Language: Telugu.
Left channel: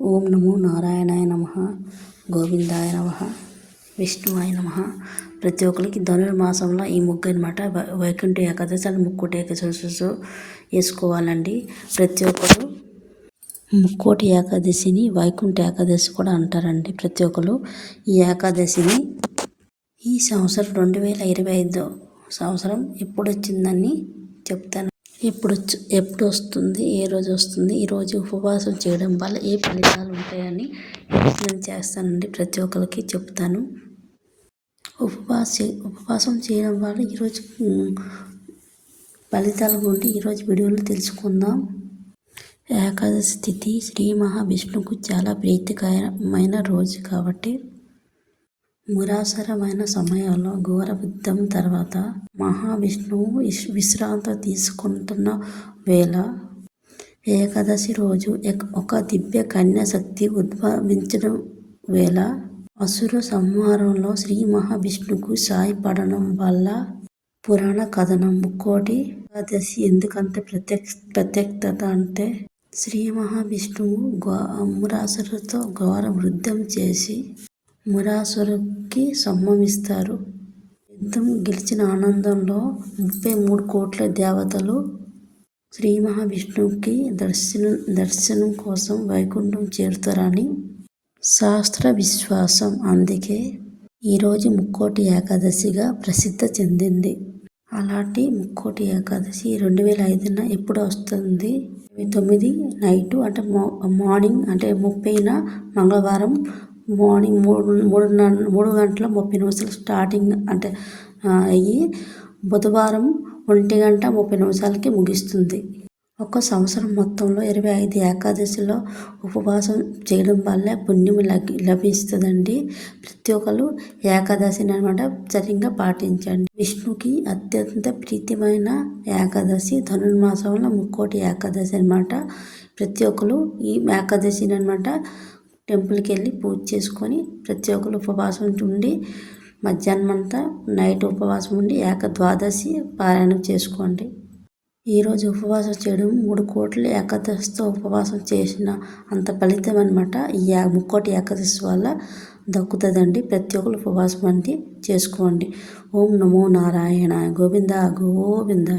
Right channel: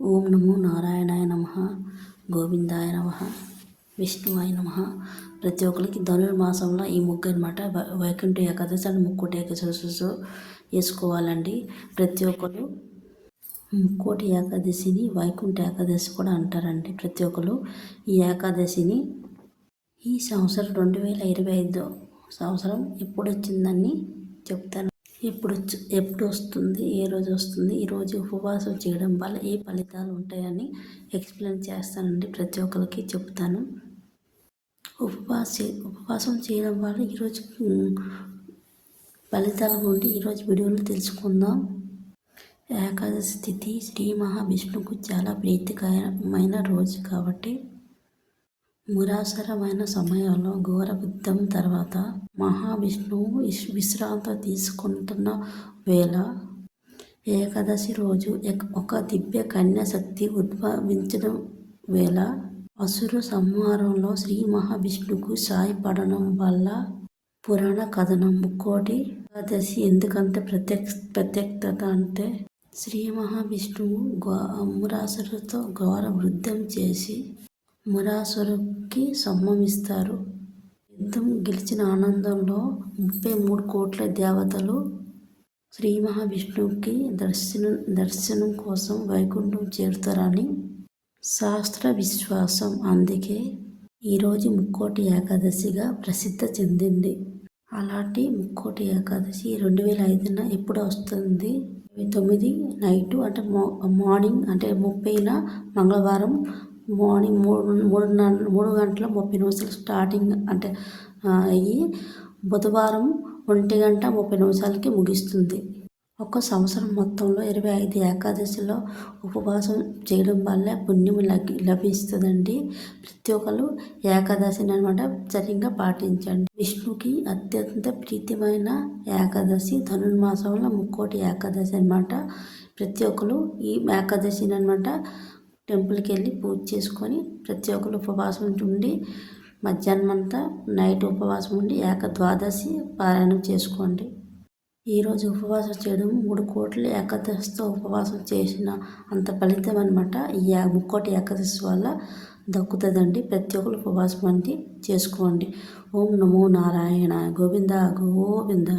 ఓం నమో నారాయణాయ నమః, గోవిందాయ నమః, విష్ణువాయ నమః. ప్రతి ఒక్కరికి ధనుర్మాసంలో ఈ ముగ్గు అనమాట వైకుంఠ ఏకాదశి అని ముక్కోటి ఏకాదశి వేసుకోవాలండి. ప్రతి ఒక్కరు ముక్కోటి ఏకాదశిని వైకుంఠ ఏకాదశి కూడా అంటారండి. ప్రతి ఒక్కరు ఈ ఏకాదశిని ఈ సంవత్సరం 2025 సంవత్సరం ఎప్పుడు వచ్చిందని చెప్తాను. ఎప్పుడు వస్తుంది, ఏ రోజు వస్తుంది, ఈరోజు ఉపవాసం చేయడం వల్ల ఏ ఫలితాలు ఉంటాయని ఎక్స్ప్లెయిన్ చేస్తానండి. ప్రతి ఒక్కరికి చెప్తాను. ఉపవాసం చేయడం వల్ల ఈరోజు ఫలితాల గురించి ఈరోజు వీడియోలో తెలుసుకుందాం. ఏకాదశి తిథి శ్రీ మహావిష్ణువుకు చాలా ప్రీతికరమైన రోజు కాబట్టి మురాసరమైన సమయంలో ఘోర యుద్ధం తర్వాత మహావిష్ణువు విశ్రాంతి తీసుకుంటున్న వేళ ఏకాదశి రోజు ఒక దివ్య కన్య శక్తి ఉద్భవించడం వేళ అసుర సంహారంలో శ్రీ మహావిష్ణువుకు సాయపడడం వల్ల పురాణ కథనం ముక్కోటి ఏకాదశి ఎందుకంటే ప్రత్యేకత అంటే శ్రీ మహావిష్ణువు మురాసురుతో ఘోర యుద్ధం చేసి మురాసురుకి సంహమిస్తారు. యుద్ధం గెలిచిన ఆనందంలో 33 కోట్ల దేవతలు శ్రీ మహావిష్ణువుకి దర్శనం కోసం వైకుంఠం చేరుతారని శాస్త్ర విశ్వాసం. అందుకే ఈరోజు ముక్కోటి ఏకాదశిగా ప్రసిద్ధి చెందింది. అలాంటి ముక్కోటి ఏకాదశి 2005 ఎప్పుడు వస్తుంది? 29 నైటు అంటే మార్నింగ్ అంటే 30న మంగళవారం మార్నింగ్ 3:30 స్టార్టింగ్ అంటే అయ్యి బుధవారం 1:30 ముగిస్తుంది. ఒక సంవత్సరం మొత్తంలో 25 ఏకాదశిలో ఉపవాసం చేయడం వల్ల పుణ్యం లభిస్తుందండి. ప్రతి ఒక్కరు ఏకాదశిని అనమాట సరిగ్గా పాటించండి. విష్ణుకి అత్యంత ప్రీతిమైన ఏకాదశి ధనుర్మాసంలో ముక్కోటి ఏకాదశి అనమాట. ప్రతి ఒక్కరు ఈ ఏకాదశిని అనమాట టెంపుల్కి వెళ్ళి పూజ చేసుకొని ప్రతి ఒక్కరు ఉపవాసం ఉండి మధ్యాహ్నం అంతా నైట్ ఉపవాసం ఉండి ద్వాదశి పారాయణం చేసుకోండి. ఈరోజు ఉపవాసం చేయడం 3 కోట్ల ఏకాదశితో ఉపవాసం చేసిన అంత ఫలితం అనమాట ఈ ముక్కోటి ఏకాదశి వల్ల దక్కుతుందండి. ప్రతి ఒక్కరు ఉపవాసం చేసుకోండి. ఓం నమో నారాయణ. గోవింద గోవింద.